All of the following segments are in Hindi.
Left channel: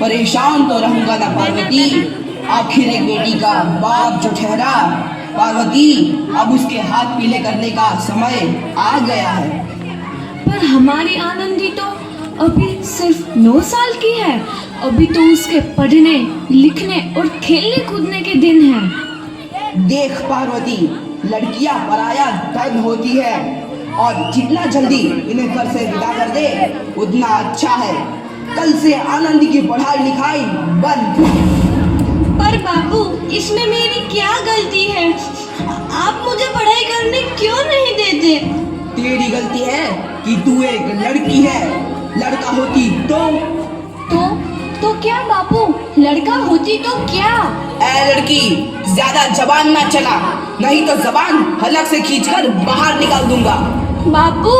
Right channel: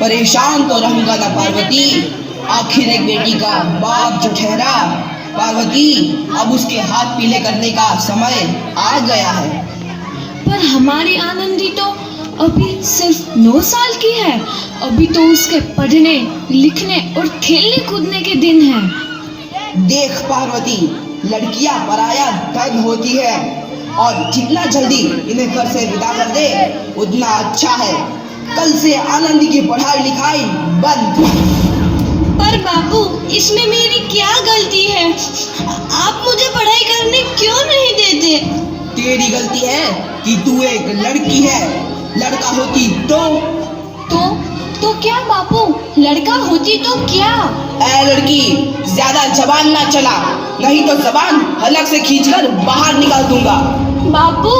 परेशान तो रहूंगा ना पार्वती। आखिर एक बेटी का बाप जो ठहरा। पार्वती, अब उसके हाथ पीले करने का समय आ गया है। पर हमारी आनंदी तो अभी सिर्फ 9 साल की है। अभी तो उसके पढ़ने, लिखने और खेलने कूदने के दिन हैं। देख पार्वती, लड़कियां पराया धन होती है और जितना जल्दी इन्हें घर से विदा कर दे उतना अच्छा है। कल से आनंदी की पढ़ाई लिखाई बंद। पर बाबू, इसमें मेरी क्या गलती है? आप मुझे पढ़ाई करने क्यों नहीं देते? तेरी गलती है कि तू एक लड़की है। लड़का होती तो क्या बाबू? लड़का होती तो क्या? ए लड़की, ज्यादा जबान ना चला, नहीं तो जबान हलक से खींचकर बाहर निकाल दूंगा। बाबू,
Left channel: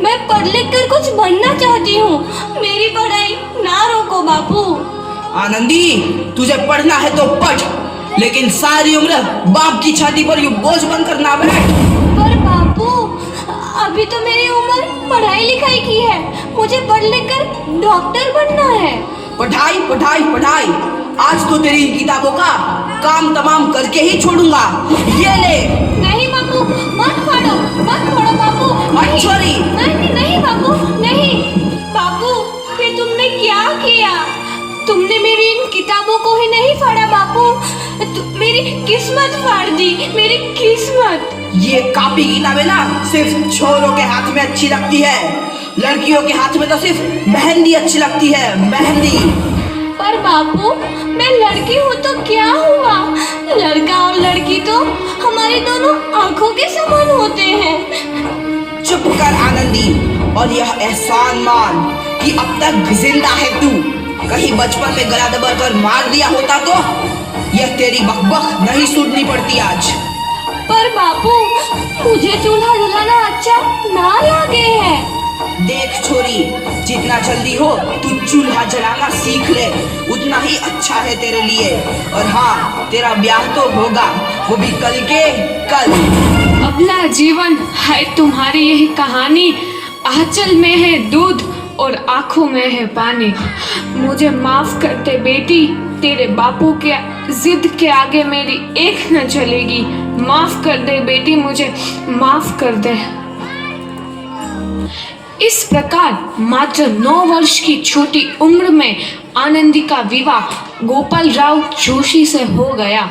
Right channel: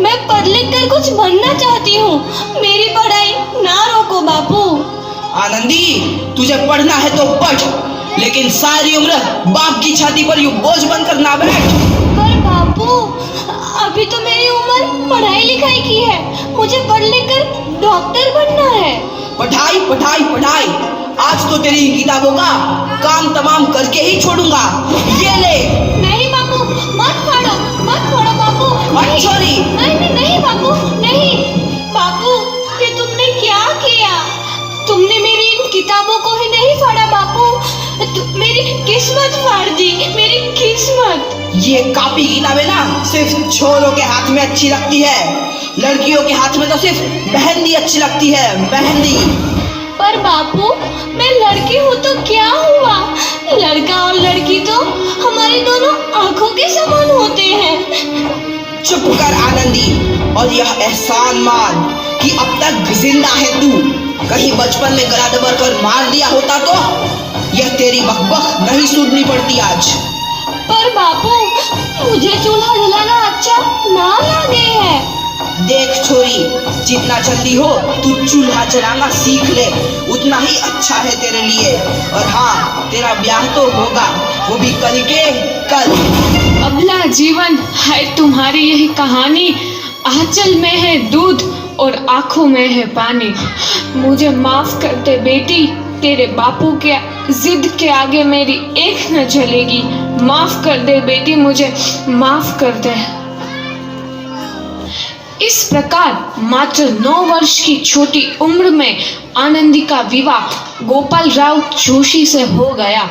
मैं पढ़ लिख कर कुछ बनना चाहती हूँ। मेरी पढ़ाई ना रोको बाबू। आनंदी, तुझे पढ़ना है तो पढ़, लेकिन सारी उम्र बाप की छाती पर यूं बोझ बनकर ना बैठ। पर बाबू, अभी तो मेरी उम्र पढ़ाई लिखाई की है। मुझे पढ़ लिख कर डॉक्टर बनना है। पढ़ाई पढ़ाई पढ़ाई, आज तो तेरी इन किताबों का काम तमाम करके ही छोड़ूंगा। ये ले। नहीं बाबू, मत फोड़ो बाबू। मत छोड़ी। नहीं बाबू, नहीं। बाबू, ये तुमने क्या किया? तुमने मेरी इन किताबों को ही नहीं फाड़ा बाबू, मेरी किस्मत फाड़ दी, मेरी किस्मत। ये कॉपी किताबें ना सिर्फ छोरों के हाथ में अच्छी लगती है, लड़कियों के हाथ में तो सिर्फ मेहंदी अच्छी लगती है, मेहंदी। पर बापू, मैं लड़की हूँ तो क्या हुआ? लड़का और लड़की तो हमारी दोनों आंखों के समान होते हैं। चुप कर आनंदी, और यह एहसान मान कि अब तक जिंदा है तू। कहीं बचपन में गला दबाकर मार दिया होता तो यह तेरी बकबक नहीं सुननी पड़ती आज। पर बापू, मुझे चूल्हा जलाना अच्छा ना लगे है। देख छोरी, जितना जल्दी हो तू चूल्हा जलाना सीख ले, उतना ही अच्छा है तेरे लिए। और हाँ, तेरा ब्याह तो होगा, वो भी कल के कल। अबला जीवन है तुम्हारी यही कहानी। आंचल में है दूध और आंखों में है पानी। मुझे माफ कर दे बेटी, तेरे बापू के जिद के आगे मेरी एक न चलेगी। माफ कर दे बेटी, मुझे माफ कर दे। इस प्रकार मात्र 9 वर्ष की छोटी उम्र में आनंदी का विवाह गोपाल राव जोशी से हो गया।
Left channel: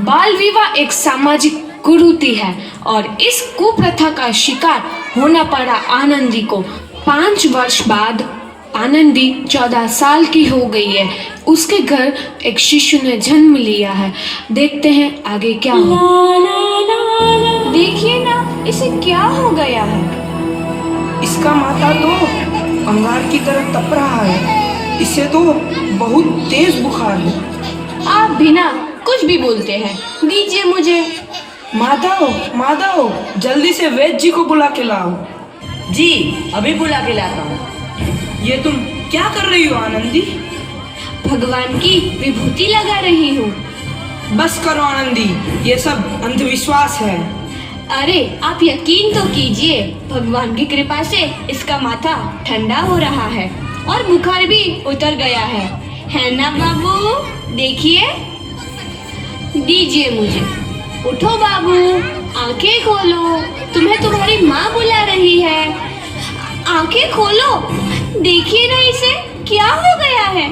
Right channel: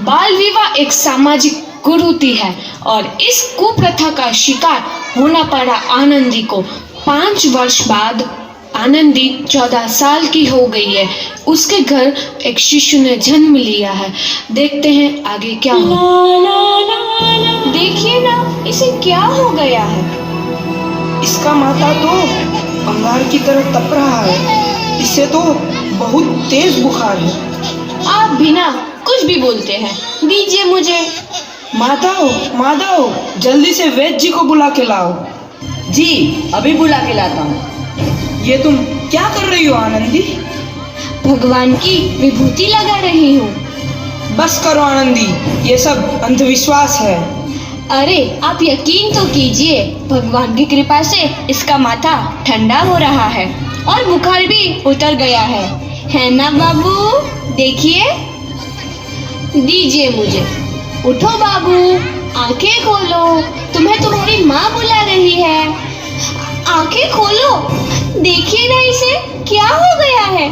बाल विवाह एक सामाजिक कुरीति है और इस कुप्रथा का शिकार होना पड़ा आनंदी को। 5 वर्ष बाद आनंदी 14 साल की हो गई है। उसके घर एक शिशु ने जन्म लिया है। देखते हैं आगे क्या हो। देखिए ना, इसे क्या हो गया है? इसका माथा तो अंगार की तरह तप रहा है। इसे तो बहुत तेज बुखार है। आप बिना कुछ भी बोलते हैं, दीजिए मुझे। माधव, जल्दी से वैद्य जी को बुला के लाओ। जी, अभी बुला के लाता हूँ। ये तुम क्या कर रही हो आनंदी? भगवान की विभूति लगा रही हूँ। बस करो आनंदी, ये सब अंधविश्वास है। अरे आप यकीन तो कीजिए, भगवान की कृपा से इसका माथा ठंडा हो रहा है और बुखार भी उतर गया है ना बाबू? देखिए, दीजिए मुझे। उठो बाबू, आंखें खोलो, तुम्हें तुम्हारी माँ बुला रही है। आंखें खोलो, देखिए ना इसे क्या हो गया है।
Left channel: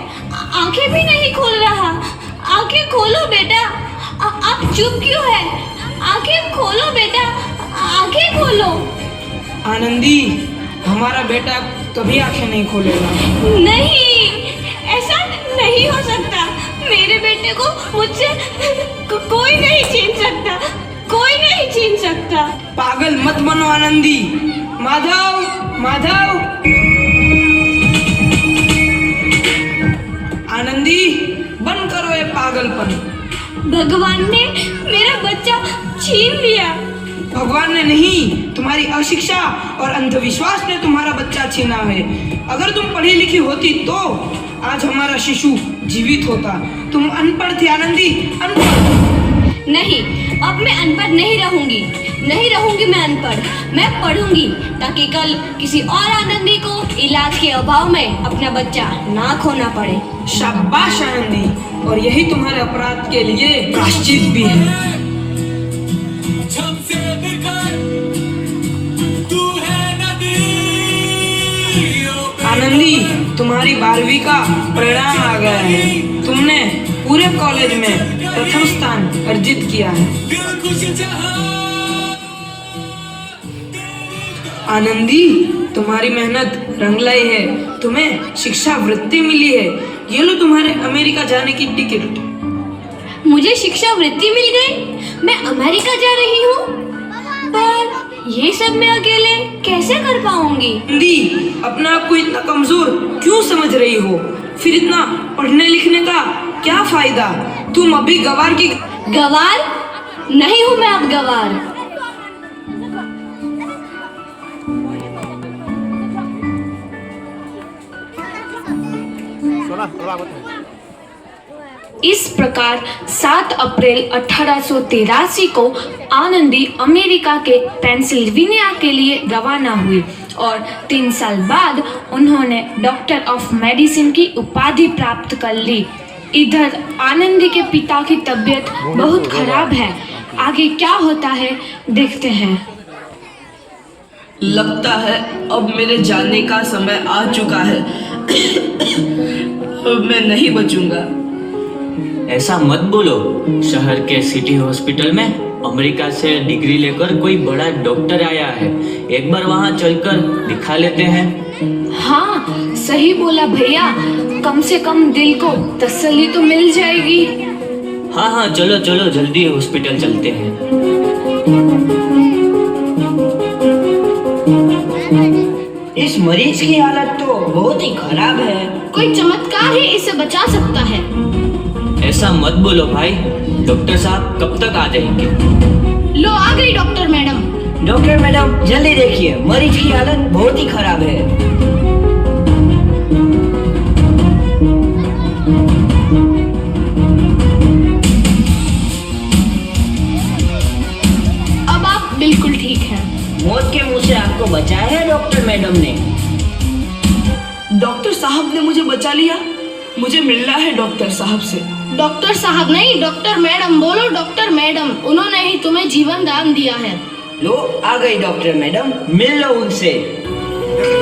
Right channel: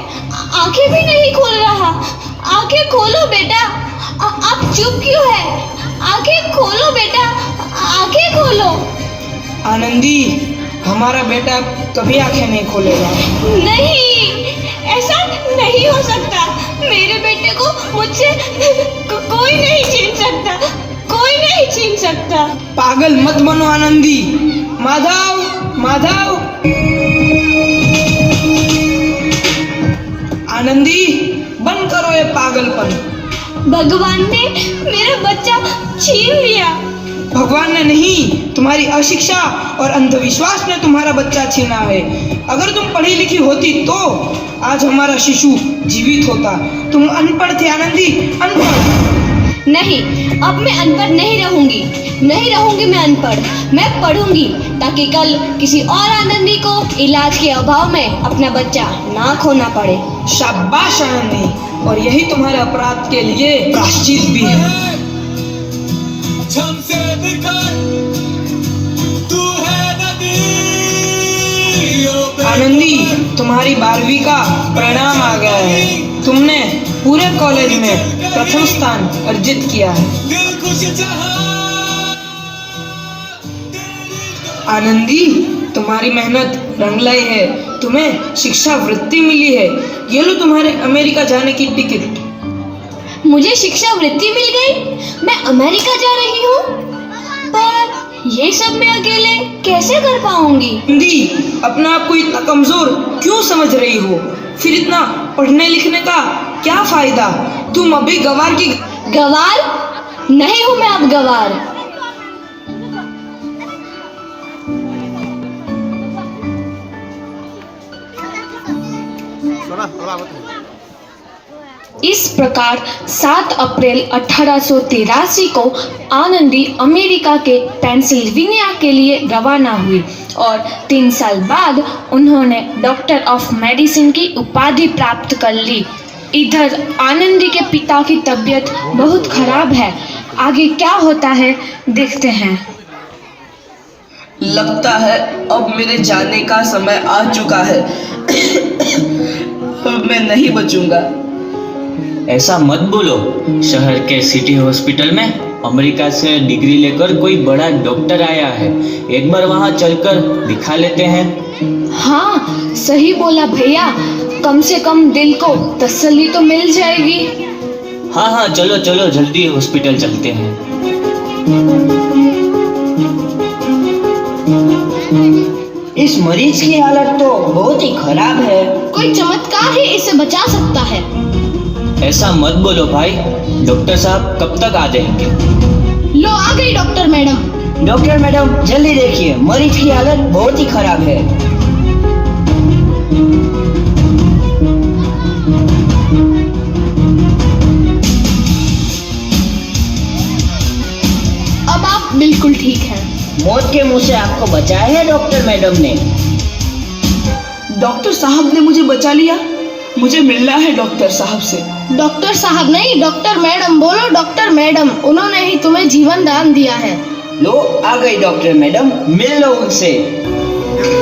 आंखें भी नहीं खोल रहा। आंखें खोलो बेटा। आप चुप क्यों है? आंखें खोलो बेटा, आंखें खोलो। आनंदी, हमारा बेटा कभी आंखें नहीं खोलेगा। नहीं, ऐसा नहीं हो सकता। मेरे बेटे को मुझसे कोई नहीं छीन सकता, कोई नहीं छीन सकता। पागल मत बनो आनंदी। माधव, आनंदी, बंद करो ये पागलपन। भगवान ने मेरा बच्चा छीन लिया। भगवान ने नहीं, तुम्हारी अशिक्षा और अंधविश्वास ने तुम्हारा बच्चा छीना है। अगर तुम पढ़ी लिखी होती तो आज हमारा शिशु जीवित होता। तुम अनपढ़ थे आनंदी, अनपढ़। नहीं, अब मैं अनपढ़ नहीं रहूंगी। नहीं रहूंगी मैं अनपढ़। मैं पढ़ूंगी ताकि कल किसी और आनंदी को इलाज के अभाव में अपना बच्चा ना खोना पड़े। शाबाश आनंदी, और यही तुम्हारे अपराध के लिए प्रायश्चित भी है। आनंदी, तुम्हारी 12वीं का परिणाम आ गया है। तुमने पूरे कॉलेज में प्रथम स्थान अर्जित किया है। आनंदी, तुम्हारी मेहनत रंग लाई है। तुम्हें शिक्षा वृत्ति मिली है। ये लो तुम्हारे अमेरिका जाने की टिकट। मुझे शिक्षा वृत्ति मिल गई। मैं अमेरिका जा रही हूँ। पर ये सब मैं अकेले कैसे कर पाऊंगी? आनंदी, अपना आप को इतना कमजोर क्यों समझ रही हो? फिर इतना पढ़ने लिखने का क्या फायदा? तुम अभी गवार की गवार नहीं हूँ मैं अब गवार। इस प्रकार 7 अप्रैल 1883 को आनंदी अमेरिका के पेंसिल्वेनिया के लिए रवाना हुई और 3 साल बाद उन्होंने डॉक्टर ऑफ मेडिसिन की उपाधि प्राप्त कर ली। इधर आनंदी के पिता की तबीयत बहुत खराब है। आगे क्या होता है देखते हैं। लगता है अब मेरे जाने का समय आ चुका है। अब मैं नहीं बचूंगा। ऐसा मत बोलो। शहर के सिटी हॉस्पिटल में अमेरिका से डिग्री लेकर कोई बड़ा डॉक्टर आया है। एक बार वहां चलकर दिखा लेते हैं। हाँ, सही बोला भैया। कम से कम दिल को तसल्ली तो मिल जाएगी। हाँ हाँ, चलो चलो जल्दी हॉस्पिटल चलते हैं। इस मरीज की हालत तो बहुत ही खराब है। कोई चमत्कार ही इसे बचा सकता है। ऐसा मत बोलो भाई। डॉक्टर साहब कब तक आ जाएंगे? लो आ गई डॉक्टर मैडम। डॉक्टर मैडम जल्दी देखिए, मरीज की हालत बहुत ही खराब है। अब आप बिल्कुल ठीक हैं। मौत के मुंह से आपको बचाया है डॉक्टर मैडम ने। डॉक्टर साहब ने मुझे बचा लिया। मुझे मिलना है डॉक्टर साहब से। डॉक्टर साहब नहीं, डॉक्टर मैडम बोलो। डॉक्टर मैडम, उन्होंने ही तुम्हें जीवन दान दिया है। लो आ गई डॉक्टर मैडम, मिल लो उनसे।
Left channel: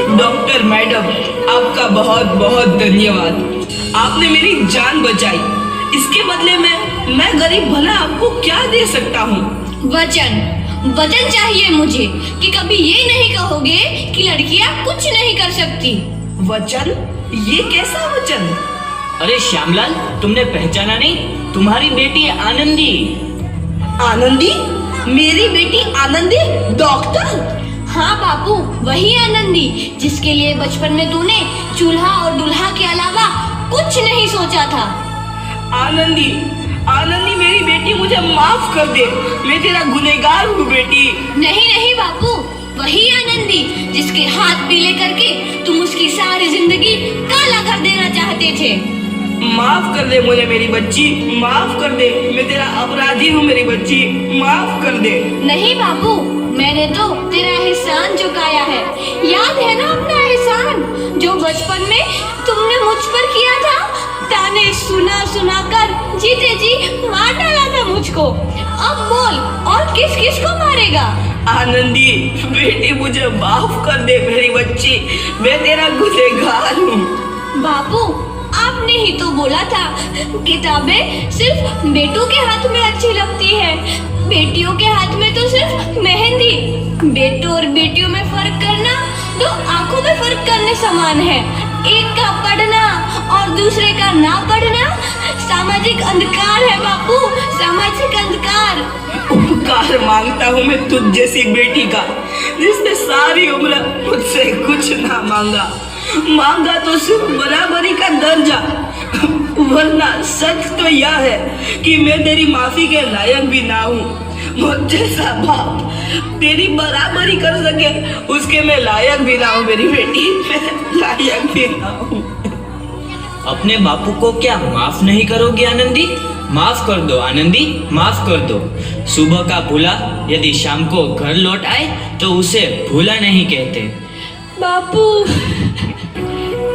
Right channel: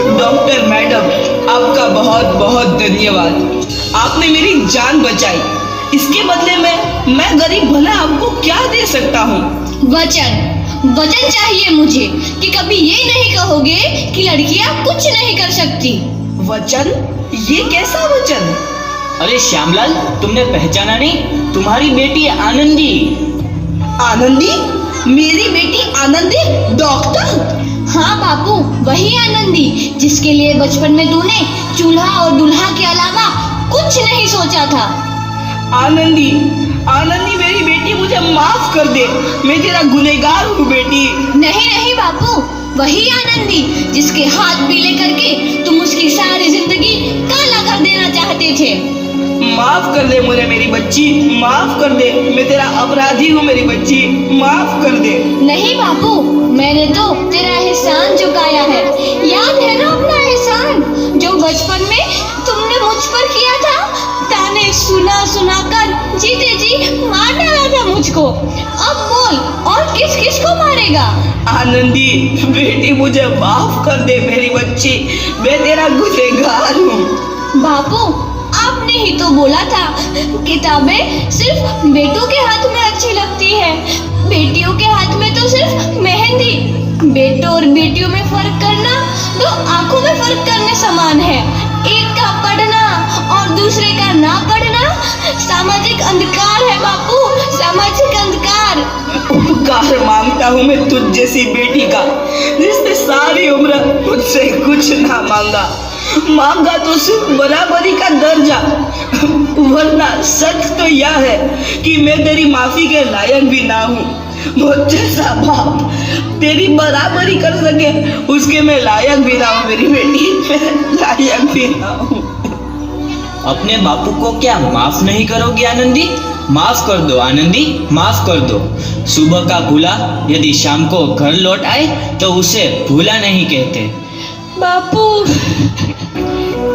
डॉक्टर मैडम, आपका बहुत बहुत धन्यवाद। आपने मेरी जान बचाई। इसके बदले में मैं गरीब भला आपको क्या दे सकता हूँ? वचन, वचन चाहिए मुझे कि कभी ये नहीं कहोगे कि लड़कियां कुछ नहीं कर सकती। वचन? ये कैसा वचन? अरे श्यामलाल, तुमने पहचाना नहीं? तुम्हारी बेटी आनंदी। आनंदी? मेरी बेटी आनंदी डॉक्टर? हाँ बापू, वही आनंदी जिसके लिए बचपन में तूने चूल्हा और दूल्हा के अलावा कुछ नहीं सोचा था। आनंदी, आनंदी मेरी बेटी, मुझे माफ कर दे। मैं तेरा गुनहगार हूँ बेटी। नहीं नहीं बापू, वही आनंदी जिसके हाथ पीले करके तुम उसकी सारी जिंदगी काला कर देना चाहते थे। माफ कर दे मुझे मेरी बच्ची, माफ कर दे। मैं तेरा अपराधी हूँ मेरी बच्ची, माफ कर दे। नहीं बापू, मैंने तो तेरा एहसान चुकाया है। याद है ना अपना एहसान जो बचपन में तुमने मुझ पर किया था? ताने सुना सुना कर जीते जी मार डाला था मुझको। अब बोल, और किस किस को मारेगा? आनंदी बेटी, मुझे माफ कर दे मेरी बच्ची। मैं तेरा गुनहगार हूँ। बापू, आपने ही तो बोला था किताबें सिर्फ बेटों के हाथ में अच्छी लगती है, बेटियों के हाथ में तो सिर्फ मेहंदी। बेटों और बेटियों में फर्क करना तो आंखों में फर्क करने समान है। एक का पढ़ना और दूसरे का ना पढ़ना सामाजिक अंधकार है बापू, सामाजिक अंधकार। उपकार मांगता हूँ मैं तुझ जैसी बेटी का, जिसने सारी उम्र मुझसे कुछ ना मांगा तो सिर्फ बराबरी का दर्जा। वरना सच तो यह है कि मैं तेरी माफी के लायक भी ना हूँ। मुझ जैसा बाप तेरी बराबरी कर सके उसके मैं लायक भी ना हूँ मेरी बेटी, मैं लायक भी ना हूँ। अपने बापू को क्या माफ नहीं करोगी आनंदी? माफ कर दो आनंदी, माफ कर दो। सुबह का भूला यदि शाम को घर लौट आए तो उसे भूला नहीं कहते। बापू।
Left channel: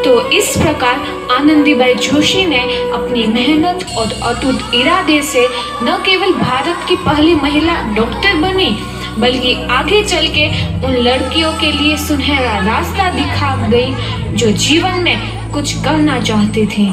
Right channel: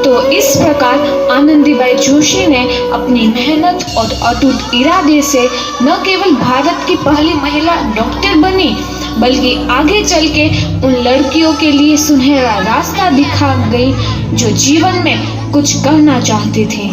तो इस प्रकार आनंदीबाई जोशी ने अपनी मेहनत और अटूट इरादे से न केवल भारत की पहली महिला डॉक्टर बनी, बल्कि आगे चल के उन लड़कियों के लिए सुनहरा रास्ता दिखा गई जो जीवन में कुछ करना चाहती थी।